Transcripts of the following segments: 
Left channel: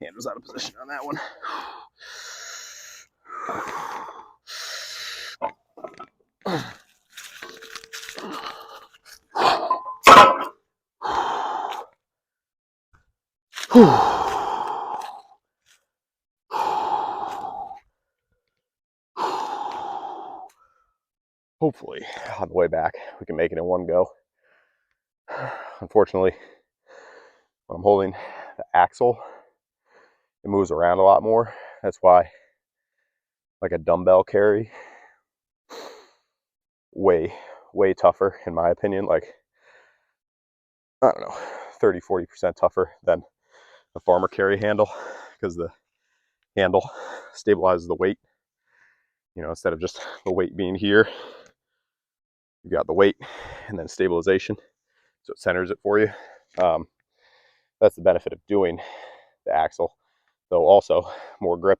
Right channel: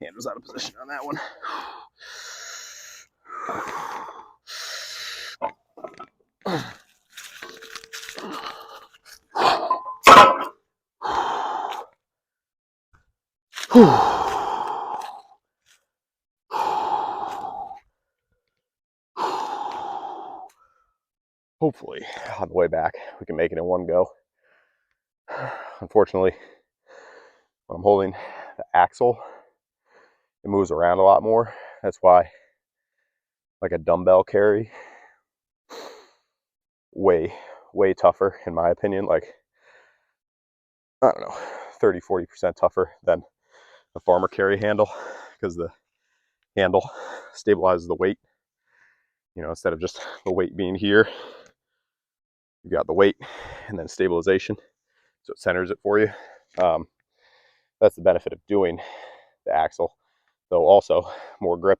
Hand was out of position on that one. Hopefully, on the way back, we can make it in one go. Unfortunately, when I'm holding the axle, it moves around a lot more. That's why, like a dumbbell carry, way tougher in my opinion. Like, I don't know, 30-40% tougher than the farmer carry handle, because the handle stabilizes the weight. You know, instead of just the weight being here, you got the weight and then stabilization, so it centers it for you. That's the benefit of doing the axle, though also more grip.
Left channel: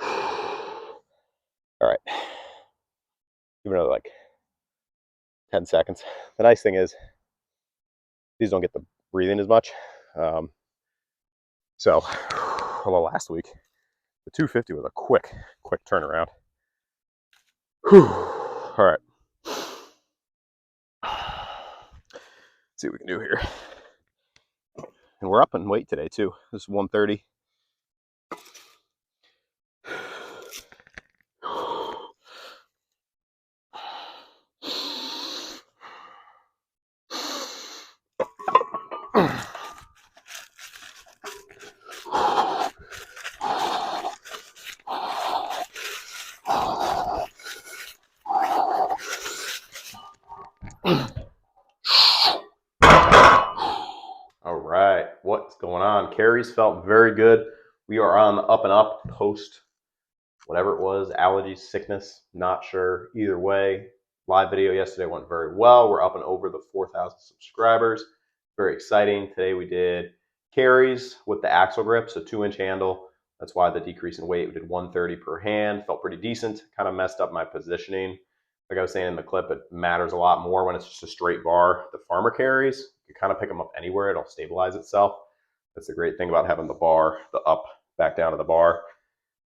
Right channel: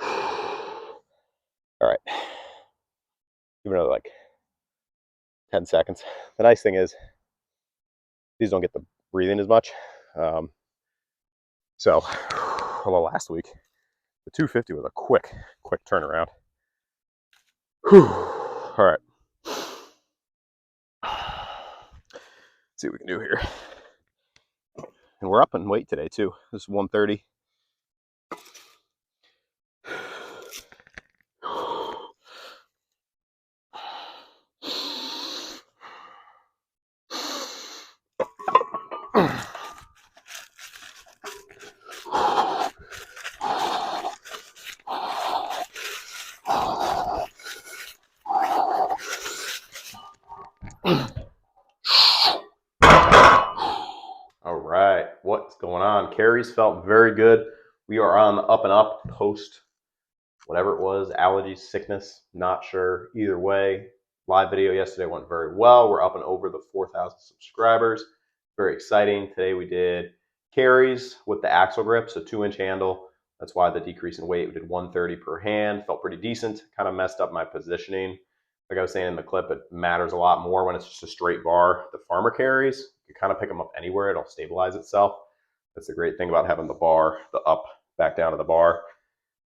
All right, give another like 10 seconds. The nice thing is these don't get the breathing as much. So, although last week the 250 was a quick turnaround. All right, let's see what we can do here. And we're up in weight today too. This is 130. All right, what's going on? Carries felt very good. We are on the up and up post whatever it was, allergies, sickness, not sure. Either way, live video yesterday went very well. We're up and over the 4,000 subscribers. Very exciting. Today we did carries with the axle grip, so 2-inch handle. That's why the decrease in weight. We did 130 per hand. Felt pretty decent. Kind of messed up my positioning. Like I was saying in the clip, it matters a lot more when it's just a straight bar. The farmer carries, you kind of pick them up anywhere. It'll stabilize itself. That's the great thing about having the bar, the up, back down to the bar.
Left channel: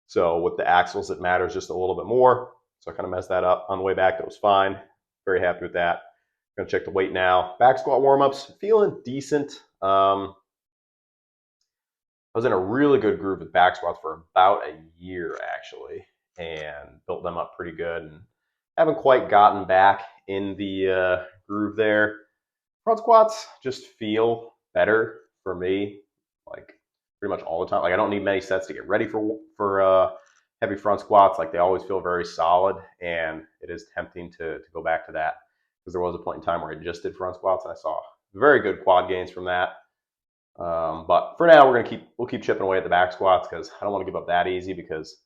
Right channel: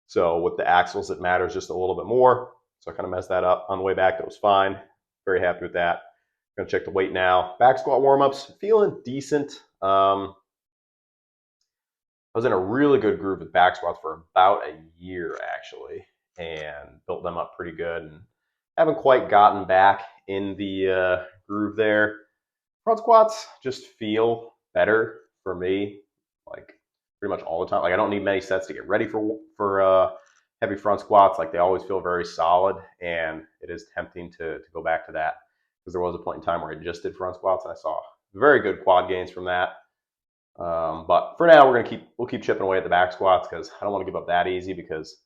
So with the axles, it matters just a little bit more. So I kind of messed that up. On the way back, that was fine. Very happy with that. I'm gonna check the weight now. Back squat warm-ups, feeling decent. I was in a really good groove with back squats for about a year actually, and built them up pretty good, and haven't quite gotten back in the groove there. Front squats just feel better for me, like pretty much all the time. Like, I don't need many sets to get ready for heavy front squats. Like, they always feel very solid, and it is tempting to go back to that, because there was a point in time where I just did front squats and I saw very good quad gains from that. But for now, we'll keep chipping away at the back squats, because I don't want to give up that easy, because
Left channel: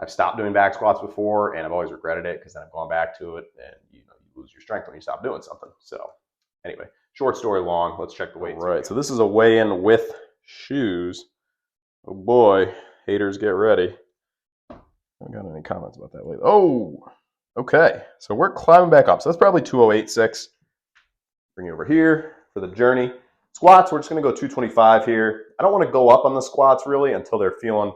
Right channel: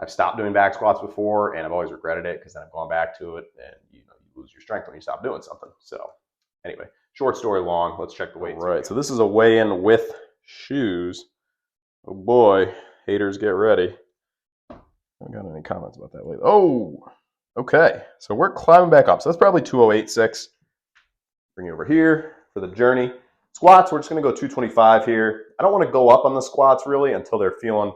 I've stopped doing back squats before and I've always regretted it, because then I've gone back to it, and you lose your strength when you stop doing something. So anyway, short story long, let's check the weights. All right, so this is a weigh-in with shoes. Oh boy, haters, get ready. I haven't got any comments about that lately. Oh, okay, so we're climbing back up. So that's probably 208.6. Bring you over here for the journey. Squats, we're just gonna go 225 here. I don't want to go up on the squats really until they're feeling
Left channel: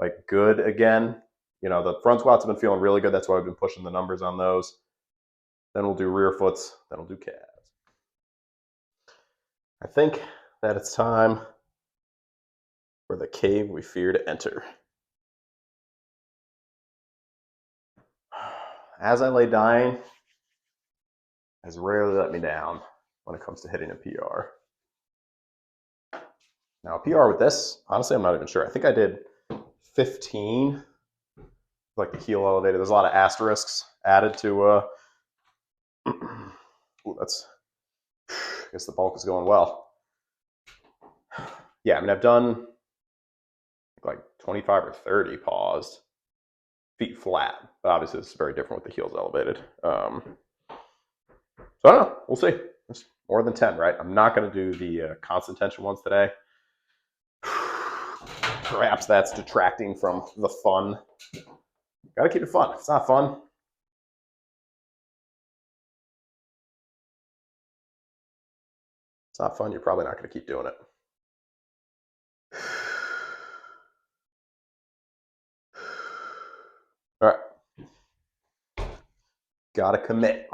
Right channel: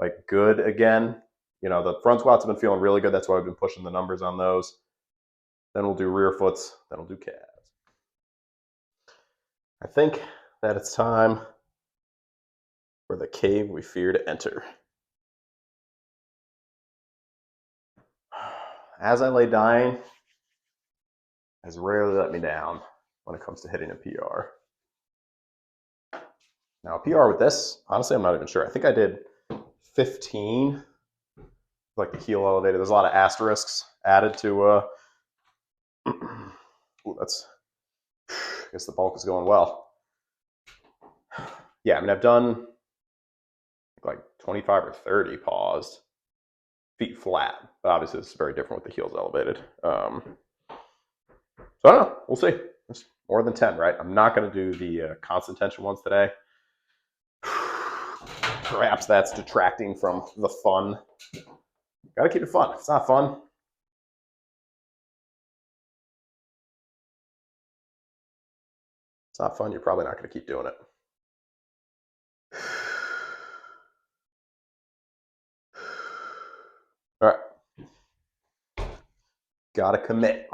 like good again. You know, the front squats have been feeling really good. That's why I've been pushing the numbers on those. Then we'll do rear foots. Then we'll do calves. I think that it's time for the cave we fear to enter. As I lay dying, has rarely let me down when it comes to hitting a PR. Now, a PR with this, honestly, I'm not even sure. I think I did 15, like the heel elevated. There's a lot of asterisks added to, ooh, that's, I guess the bulk is going well. Yeah, I mean, I've done like 25 or 30 paused, feet flat, but obviously this is very different with the heels elevated. So I don't know, we'll see. It's more than 10, right? I'm not going to do the constant tension ones today. Perhaps that's detracting from the fun. Gotta keep it fun. If it's not fun, it's not fun, you're probably not going to keep doing it. All right. Gotta commit.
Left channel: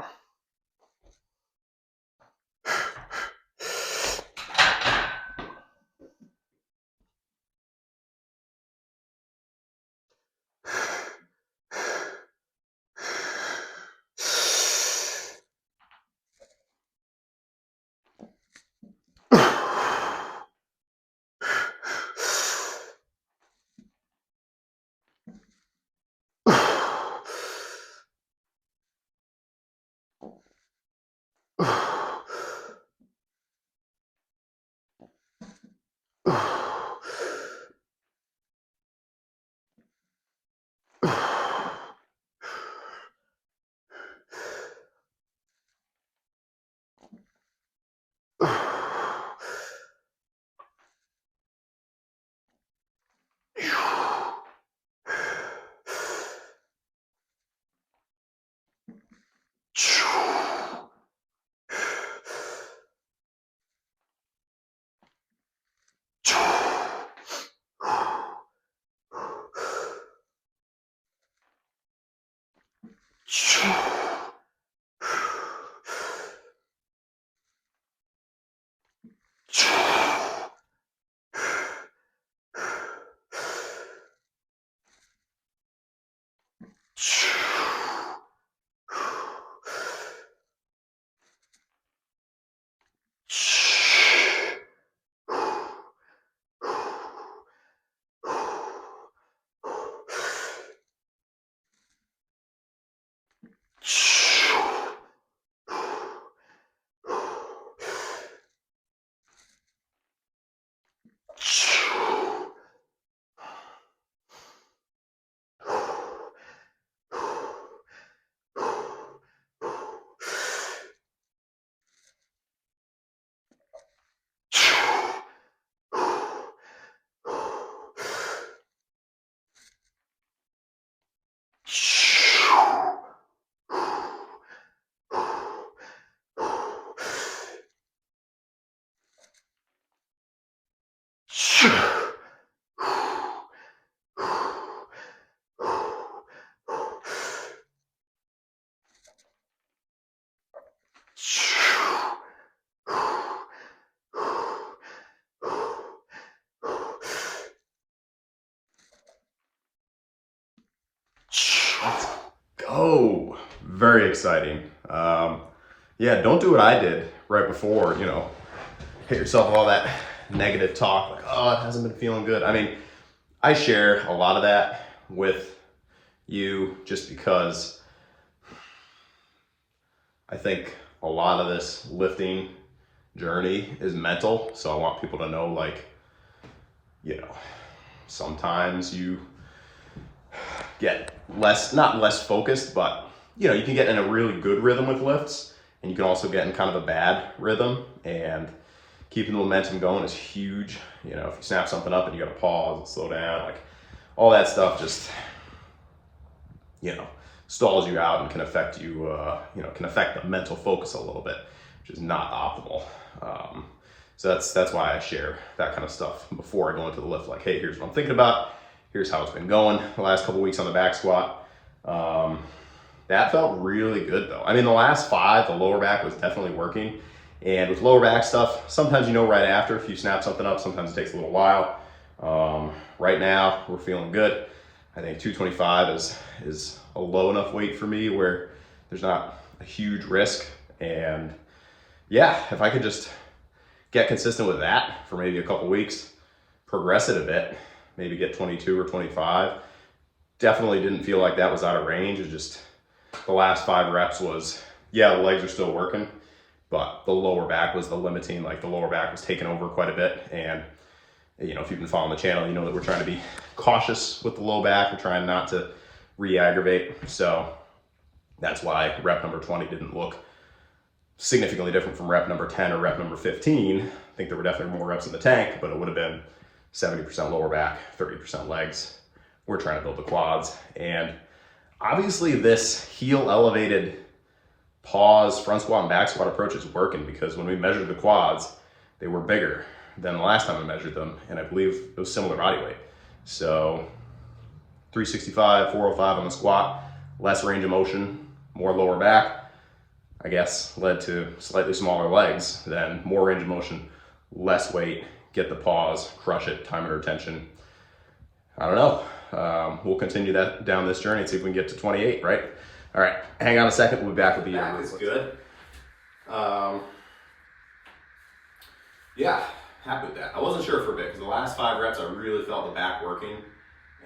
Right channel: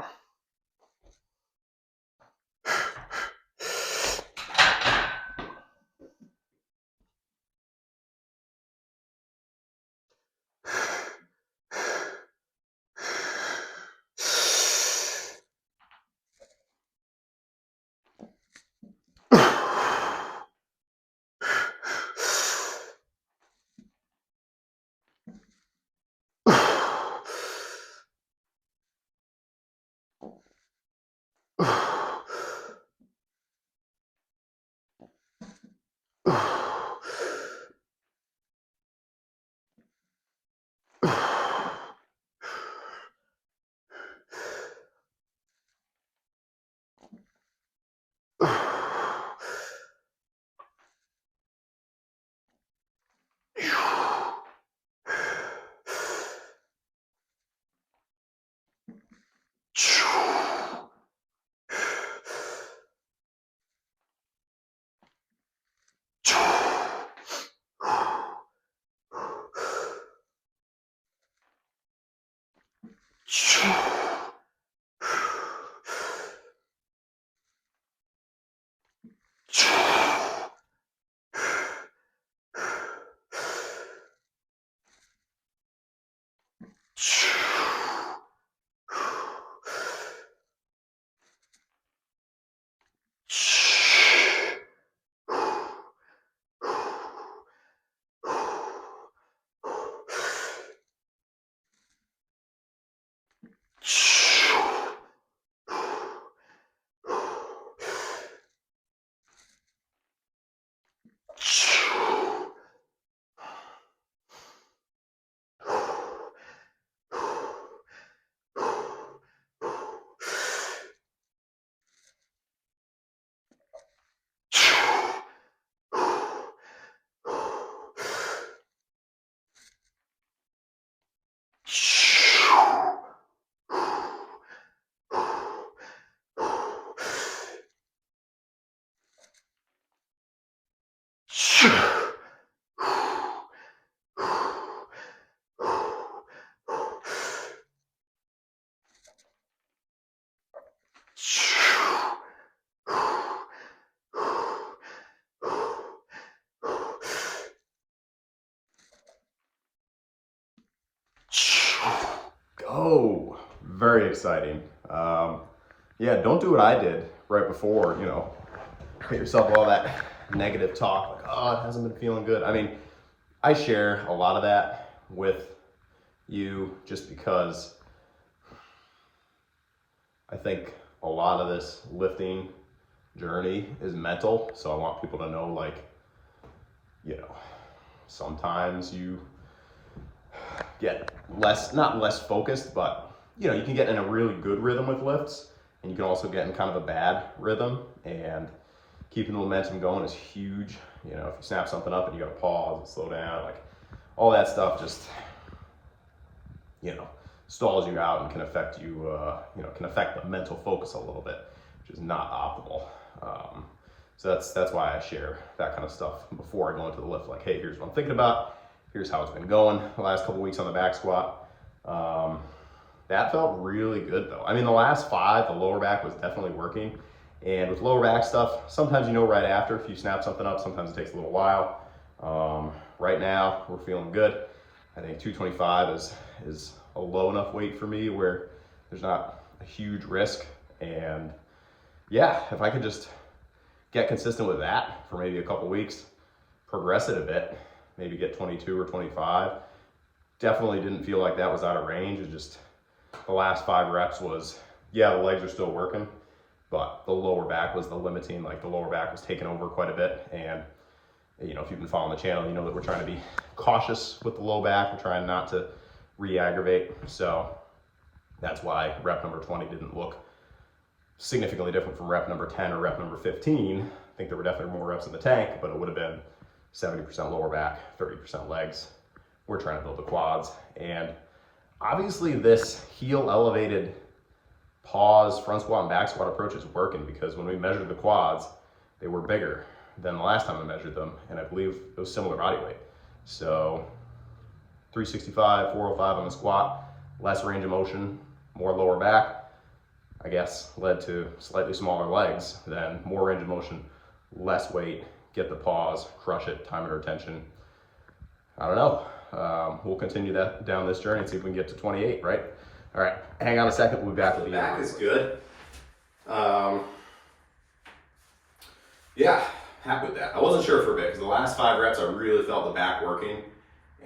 Go. Very exciting. Yeah, don't do what I did right before, you know, hit yourself all that negative talk, like, oh, it hasn't been feeling good. I mean, I share a lot of that with you just because I think a lot of this lifting journey is mental. So I want people to know, like, you know, sometimes you get not less focused, but you know, you can get in a really good rhythm with lifts, and you can also get in kind of a bad rhythm, and keeping the momentum going is huge. You know, if you snap something up and you gotta pause and slow down, like all that stuff just, you know, stalls you out and can affect you, you know, can affect the mental focus a little bit, which is not optimal. So that's why I share that kind of stuff before I go into the lift. Like, hey, here's what I'm thinking about. Here's how it's been going the last couple weeks on the back squat. That felt really good though. I mean, the last 5, the lower back was definitely working. And with lower back stuff, sometimes you know right after if you snap something up, sometimes it takes a little while. Right now, we're feeling good. I think 225 is a low enough weight for me where there's not a huge risk. And yeah, if I could just get consistent with that for maybe a couple weeks, progress it a bit, maybe get 22 or 25. Definitely didn't feel like that was out of range. It just, the last 5 reps was, yeah, the legs are still working, but the lower back was the limiting, like the lower back was taking over quite a bit. And you know, if you've been following the channel, you know that we're trying to be cautious with the low back. We're trying not to re-aggravate. So that's why rep number 20 didn't look significantly different from rep number 10 or rep number 15. I think there were definitely more reps in the tank, but it would have been 70% lower back, 30% legs. We're trying to build the quads. And obviously this heel elevated pause, front squat and back squat approach is working, because when we measured the quads, they were bigger than the last time I measured them, and I believe it was similar body weight. So 365, 405 on the squat, less range of motion, more lower back, I guess led to slightly smaller legs, then more range of motion, less weight, get the pause, crush it, time under tension. I don't know. We'll continue that down this journey and see if we can get to 28, right? All right, hang on a second. We'll be back with the back is good. Yeah, happy with that. I wasn't sure for a bit because the last 5 reps I really felt the back working,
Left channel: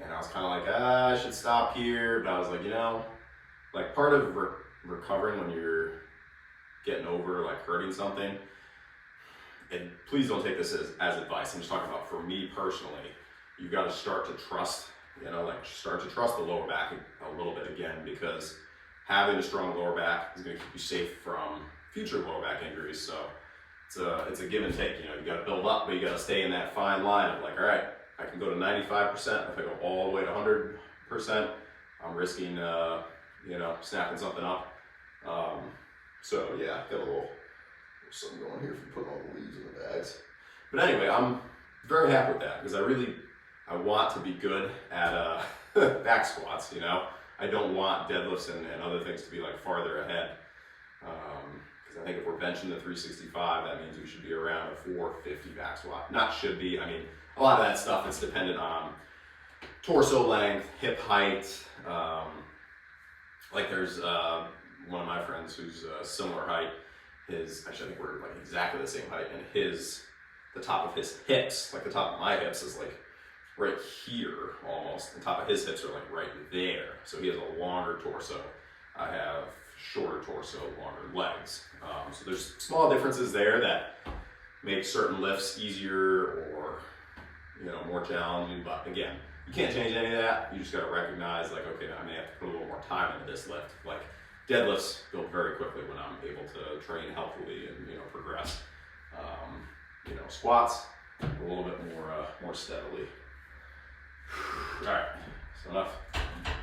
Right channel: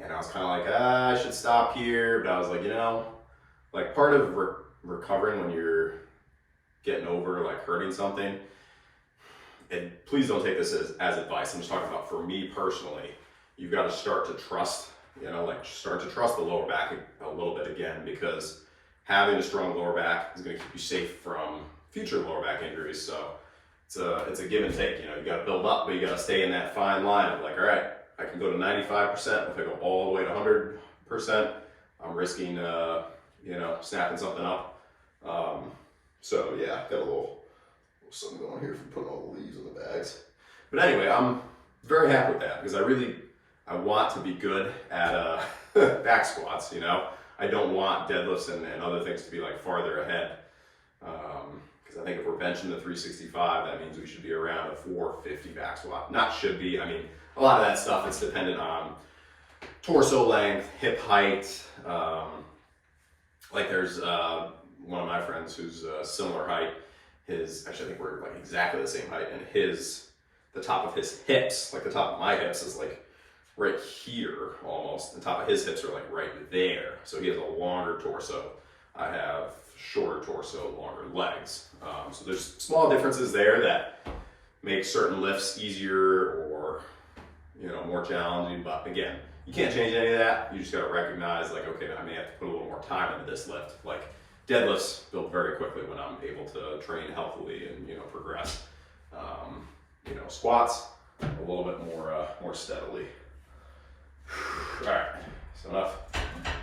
and I was kind of like, I should stop here. But I was like, you know, like part of recovering when you're getting over like hurting something, and please don't take this as advice. I'm just talking about for me personally. You've got to start to trust, you know, like start to trust the lower back a little bit again, because having a strong lower back is going to keep you safe from future lower back injuries. So it's a give and take. You know, you got to build up, but you got to stay in that fine line of like, all right, I can go to 95%. If I go all the way to 100%, I'm risking, you know, snapping something up. So yeah, got a little something going on here from putting all the leaves in the bags. But anyway, I'm very happy with that because I want to be good at back squats. You know, I don't want deadlifts and other things to be like farther ahead. Because I think if we're benching the 365, that means we should be around a 450 back squat. Not should be. I mean, a lot of that stuff is dependent on torso length, hip height. Like there's one of my friends who's a similar height. Actually, I think we're like exactly the same height, and the top of his hips, like the top of my hips, is like right here almost. The top of his hips are like right there. So he has a longer torso. I have shorter torso, longer legs. So there's small differences there that make certain lifts easier or, you know, more challenging. But again, you can't change any of that. You just got to recognize like, okay, I may have to put a little more time into this lift. Like deadlifts build very quickly when I'm able to train healthily and, you know, progress. You know, squats a little bit more steadily. All right, so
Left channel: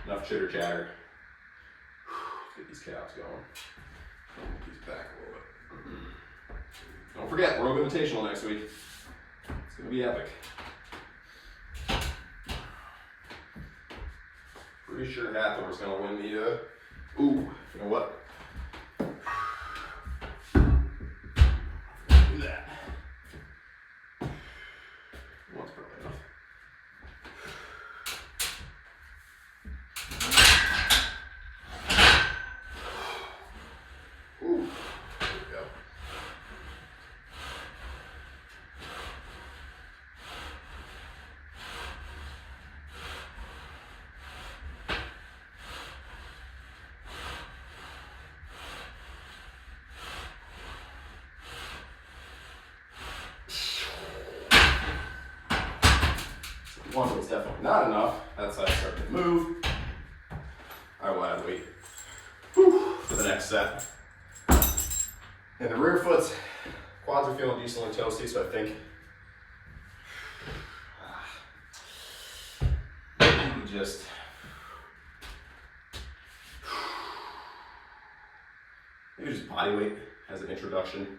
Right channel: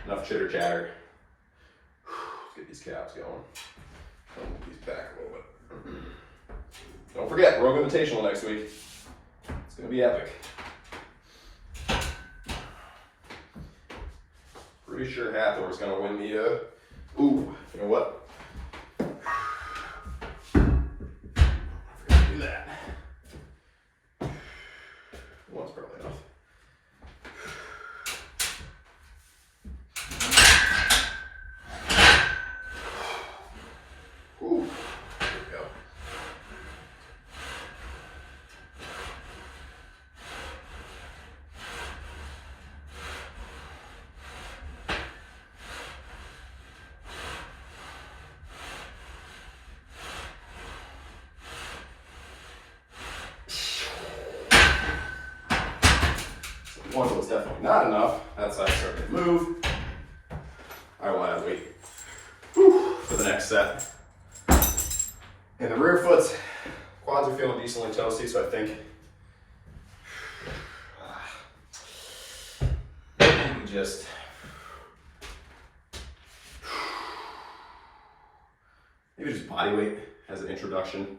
enough chitter chatter. Let's get these calves going. I'll move these back a little bit. Don't forget, Rogue Invitational next week. It's gonna be epic. Pretty sure Hathor's gonna win the. Ooh, you know what? Do that. One's probably enough. Ooh, there we go. One was definitely not enough. That's how I started to move. I will add weight for the next set. And the rear foot's quads are feeling decently toasty, so I think maybe just body weight as an introduction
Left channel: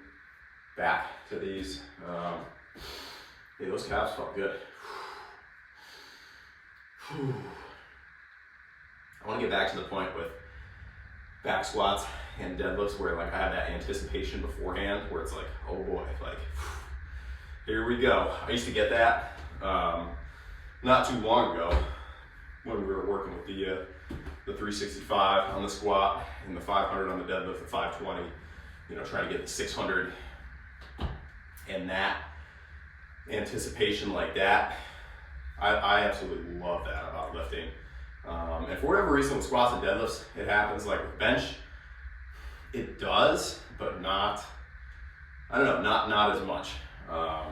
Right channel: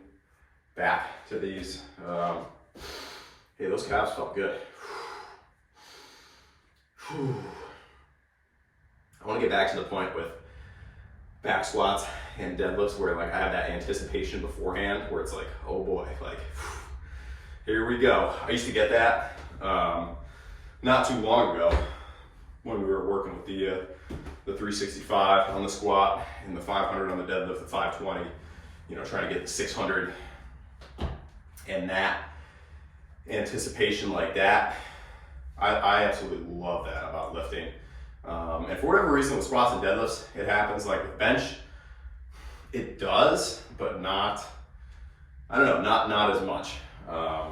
back to these. Yeah, those calves felt good. I want to get back to the point with back squats and deadlifts where like I have that anticipation beforehand where it's like, oh boy, like here we go. I used to get that not too long ago when we were working with the 365 on the squat and the 500 on the deadlift, the 520, you know, trying to get the 600, and that anticipation like that. I absolutely love that about lifting. And for whatever reason with squats and deadlifts, it happens. Like with bench, it does, but not, I don't know, not as much. I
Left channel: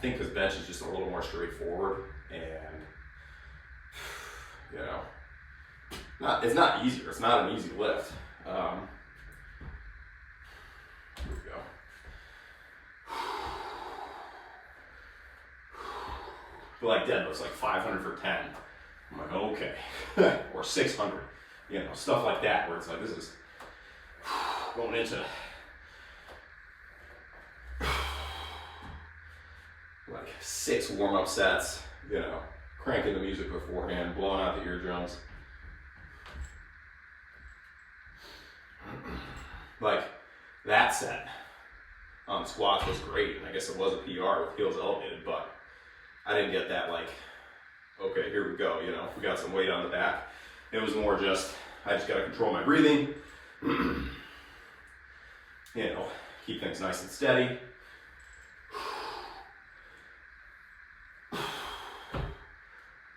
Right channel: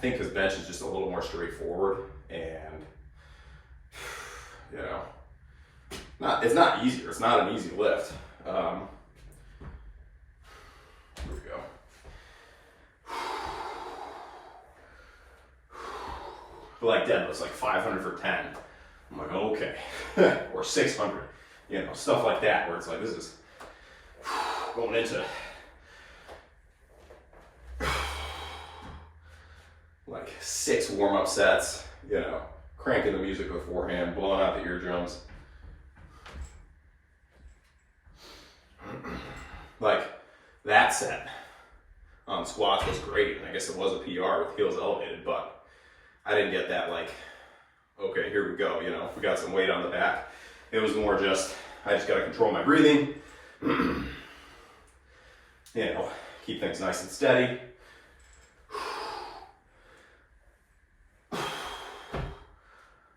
think because bench is just a little more straightforward, and you know, it's not easier. It's not an easy lift. Here we go. But like deadlifts, like 500 for 10. I'm like, okay. Or 600, you know, stuff like that, where it's like, this is going into like 6 warm-up sets, you know, cranking the music beforehand, blowing out the eardrums. Like that set on squats was great. I guess it was a PR with heels elevated, but I didn't get that like, okay, here we go, you know, we got some weight on the back. It was more just, I just gotta control my breathing, you know, keep things nice and steady.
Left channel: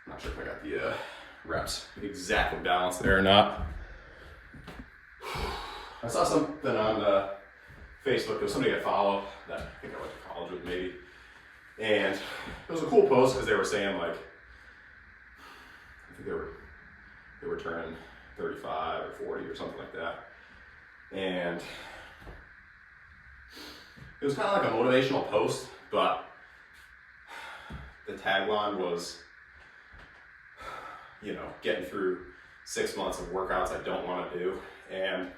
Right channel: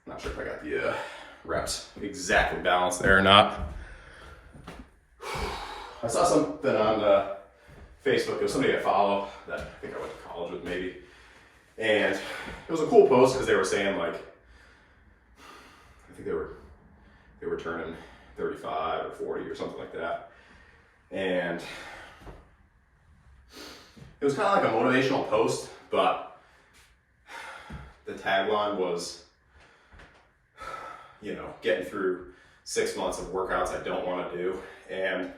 Not sure if I got the reps exactly balanced there or not. I saw something on Facebook. There was somebody I follow that I think I went to college with maybe. And it was a cool post because they were saying like, I think they were turning 35 or 40 or something like that. And it was kind of like a motivational post, but the tagline was, you know, getting through 6 months of workouts I don't want to do. And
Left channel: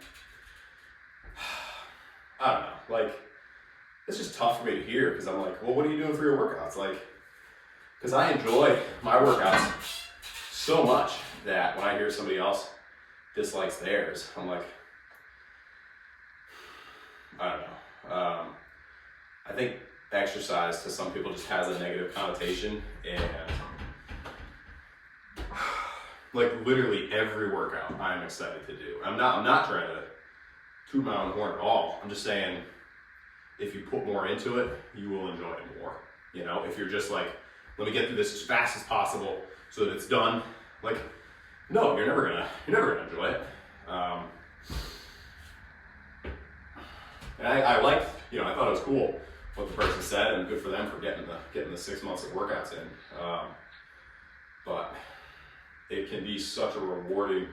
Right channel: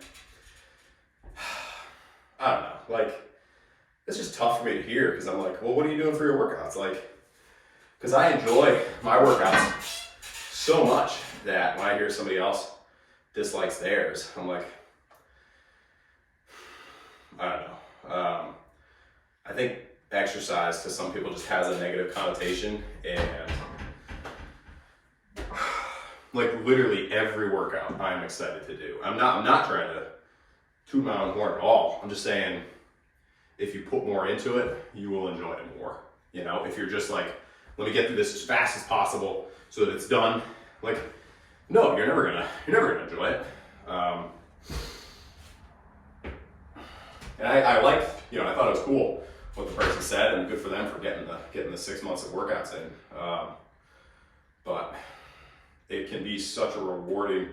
I don't know, like, it's just tough for me to hear because I'm like, well, what are you doing for your workouts? Like, because I enjoy my workouts so much that when I hear somebody else dislikes theirs, I'm like, I don't know. I think exercise to some people just has a negative connotation, and like literally every workout I'm excited to do. I'm not trying to toot my own horn at all. I'm just saying, if you put more into it, you will enjoy it more. You know, if you're just like, let me get through this as fast as possible so that it's done. Like, no, you're never gonna enjoy it. And I liked, you know, I thought it was cool what the person said, and good for them for getting the 6 months of workouts in. But it can be such a rewarding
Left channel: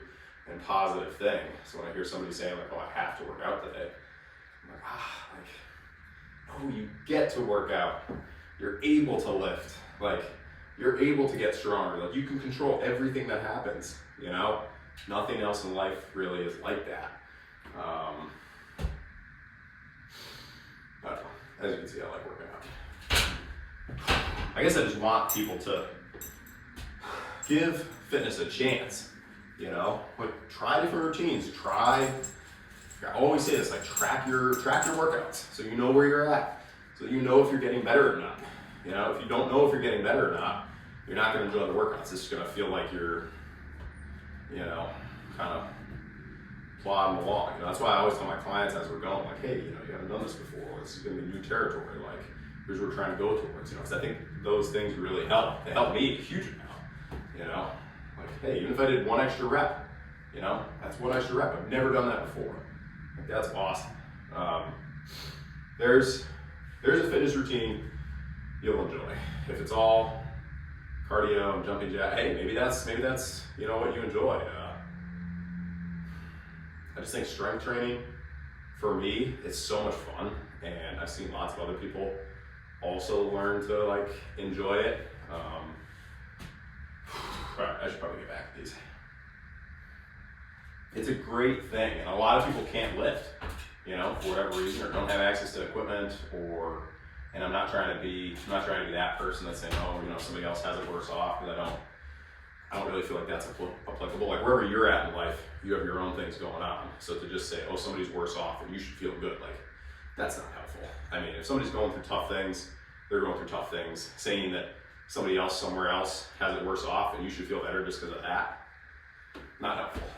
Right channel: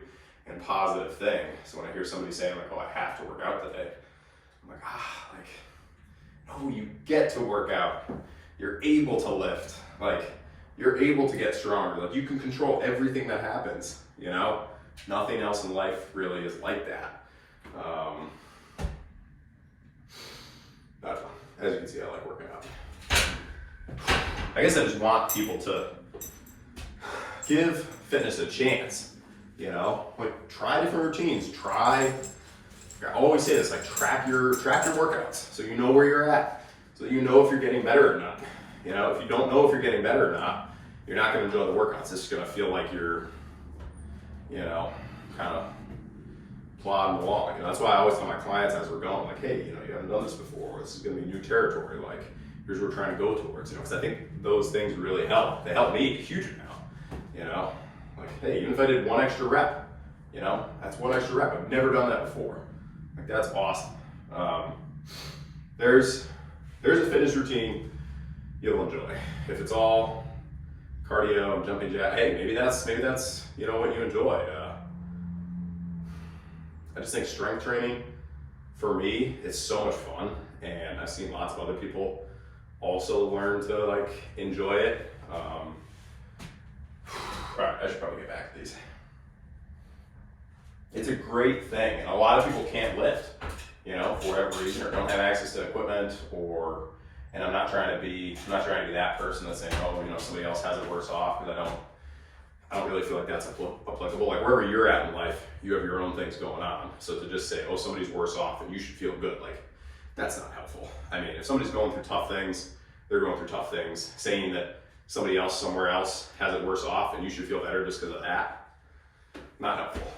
and positive thing. So when I hear somebody saying like, oh, I have to work out today, I'm like, no, you get to work out. You're able to lift. Like, you're able to get stronger. Like, you can control everything that happens, you know? Nothing else in life really is like that. I don't know. As you can see, I like working out. I guess I just want people to give fitness a chance, you know? Like, try different routines. I always say this, like, track your workouts so you know where you're at. So you know if you're getting better or not. You know, if you don't know if you're getting better or not, you're not gonna enjoy the workouts. It's just gonna feel like you're, you know, kind of plodding along. You know, that's why I always tell my clients as we're going, like, hey, you know, you haven't done this before. This is gonna be new territory. Like, here's what we're trying to go towards. You know, because I think those things really help. They help me a huge amount. You know, like, hey, even if I did one extra rep, you know, that's one extra rep. I've never done that before. Like, that's awesome. There's a fitness routine you'll enjoy. If it's all cardio and jumping jack, hey, maybe that's you know what you enjoy. I just think strength training for me is so much fun, and I've seen lots of other people also learn to like enjoy it. Right, I should probably get back to these. It's a great thing, and a lot of people can't lift, you know, for whatever reason, or don't have access to equipment, and I'm not trying to be that person that's saying, oh, you know, somebody else has it worse off, because I don't really feel like that's applicable. Like, wherever you're at in life, you have your own things going on. So to just say, oh, somebody's worse off and you should feel good, like, that's not helpful. I mean, if somebody's going through tough things, they're going through tough things. Saying that somebody else somewhere else has it worse off and you should feel better just because of that, not helpful.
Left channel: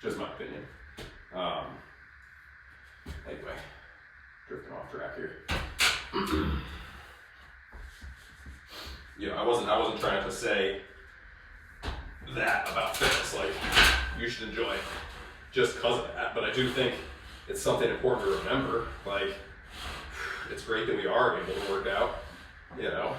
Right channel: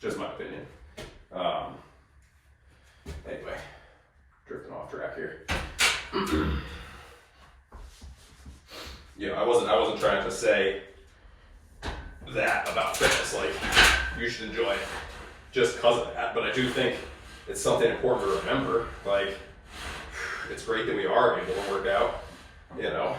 Just my opinion. Anyway, drifting off track here. You know, I wasn't trying to say that about fitness, like, you should enjoy it just because of that, but I do think it's something important to remember. Like, it's great that we are able to work out, you know.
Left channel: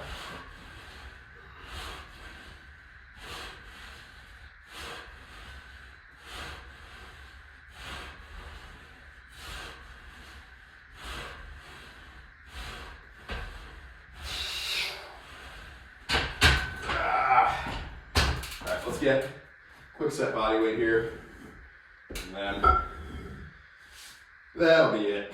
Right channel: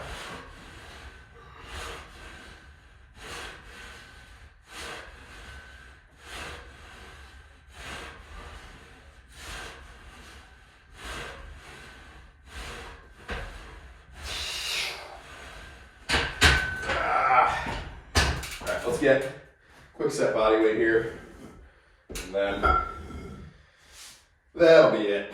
Let's get quick set body weight here, and then that'll be it.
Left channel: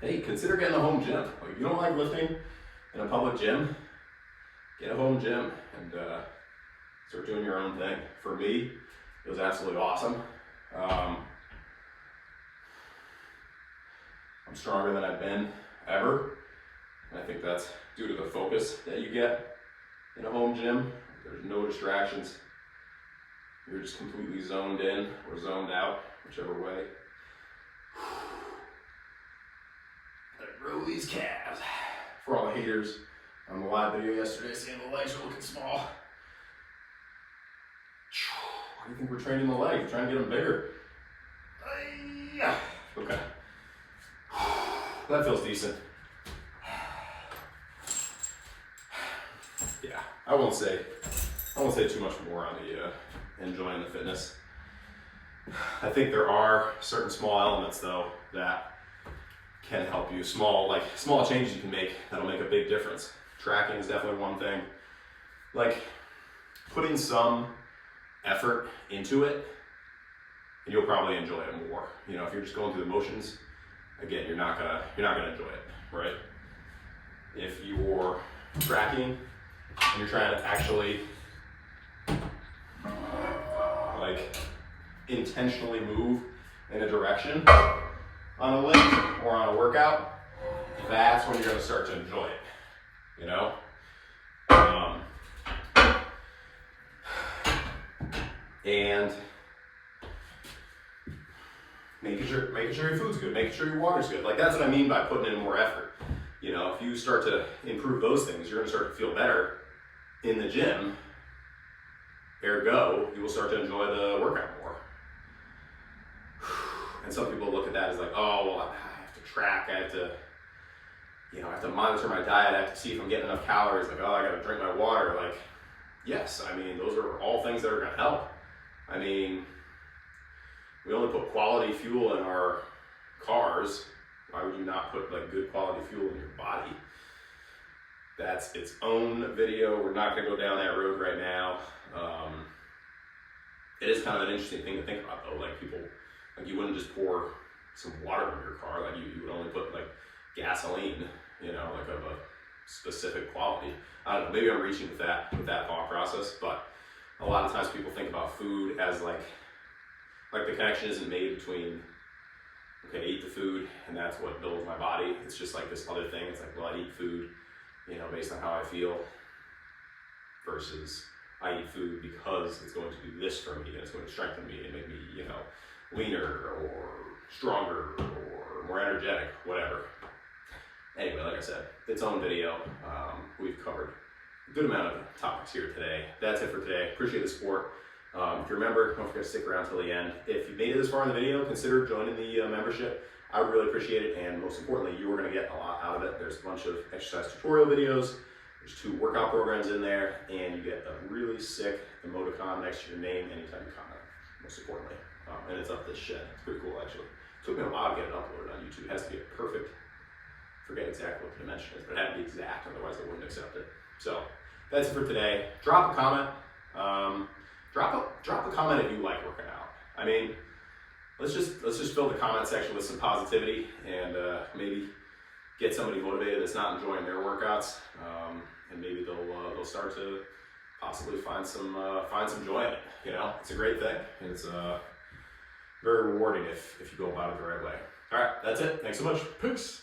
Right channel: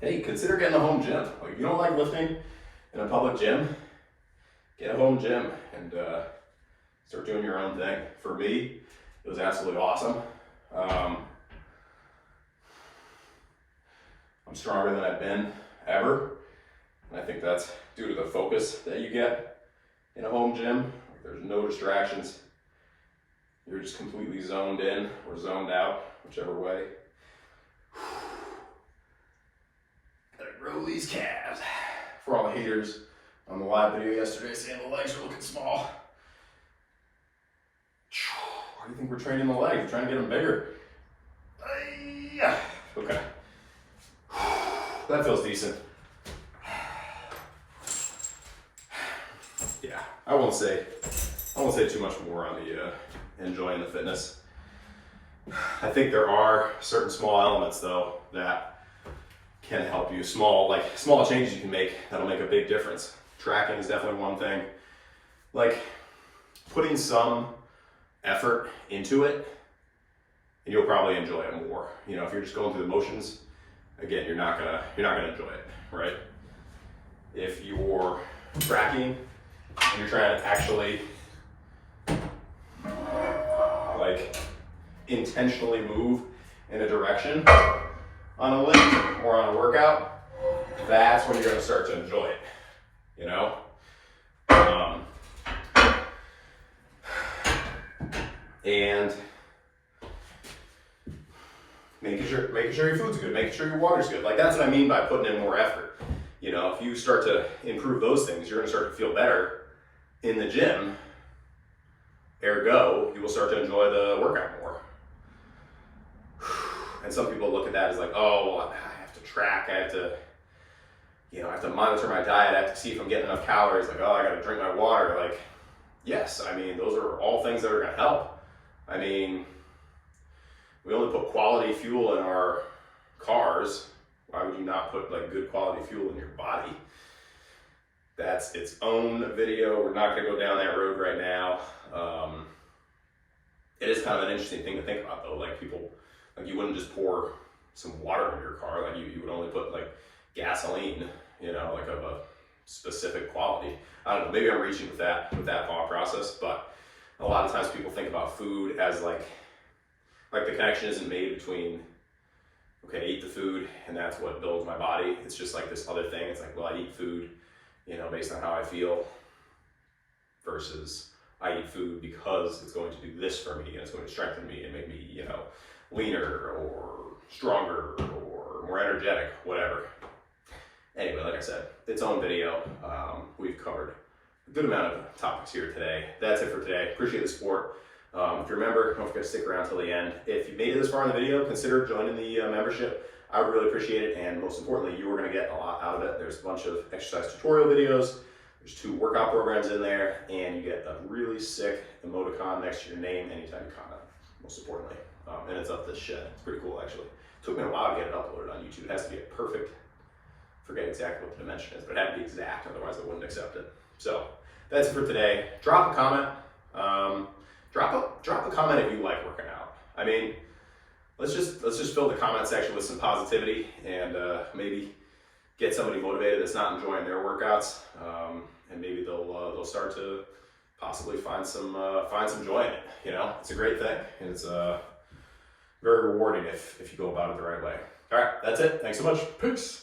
hey, consider getting a home gym. Like, if you don't like lifting in a public gym, get a home gym and start doing your own thing. For me, it was absolutely awesome. I'm stronger than I've been ever. And I think that's due to the focus that you get in a home gym. There's no distractions. You're just completely zoned in or zoned out, whichever way. Gotta grow these calves. For all the haters on the live video yesterday saying the legs are looking small. Why do you think we're training the legs? We're trying to get them bigger. Okay. That feels decent. Yeah, I won't say too much more on the enjoying the fitness. I think there are certain small elements though that can help you. Small changes you can make that'll make a big difference. Tracking is definitely one thing. Like putting some effort into it, and you'll probably enjoy it more. You know, if you're just going through the motions, again, you're not gonna enjoy it, right? If you're tracking and you're trying to actually like intentionally move in a direction on a lift or on a workout, that's when you're gonna start to enjoy it, you know? And making sure your food's good, making sure your water's good. Like that's what I mean by putting in more effort. You know, if you start to improve those things, you're gonna start to feel better in the gym. Ergo, you will start to enjoy the workout more. And some people look at that as like, oh, well, I have to track, I have to monitor my diet, I have to see if I'm getting enough calories, like, oh, I gotta drink my water. Like, yes, I mean, those are all things that are gonna help. I mean, we only put quality fuel in our cars. Why would you not put like good quality fuel in your body? That's its own video. We're not gonna go down that road right now. It is kind of an interesting thing to think about though. Like people, like you wouldn't just pour some water in your car. Like you would only put like gasoline, you know, like of a specific quality. I don't know, maybe I'm reaching with that thought process, but a lot of times people think about food as like the connection isn't made between, okay, I eat the food and that's what builds my body. It's just like this other thing. It's like, well, I eat food, you know, based on how I feel, versus I eat food because it's going to do this for me and it's going to strengthen me and make me, you know, leaner or stronger or more energetic, whatever. Anyway, like I said, its own video. We've covered a good amount of topics here today. That's it for today. Appreciate the support. If you remember, don't forget to stick around till the end. If you made it this far in the video, consider joining the membership. I would really appreciate it, and most importantly, you are going to get a lot out of it. There's a bunch of exercise tutorial videos, there's 2 workout programs in there, and you get a really sick emoticon next to your name anytime you comment, most importantly. And it's up this shit. It's pretty cool, actually. It took me a while to get it uploaded on YouTube. It has to be perfect. Forget exactly what the dimension is, but it had to be exact, otherwise I wouldn't accept it. So that's it for today. Drop a comment. Drop a comment if you like working out. I mean, let's just fill the comment section with some positivity and maybe get somebody motivated that's not enjoying their workouts, and maybe they'll start to possibly find some joy in it. You know, it's a great thing. It's very rewarding if you go about it the right way. All right, that's it. Thanks so much. Peace.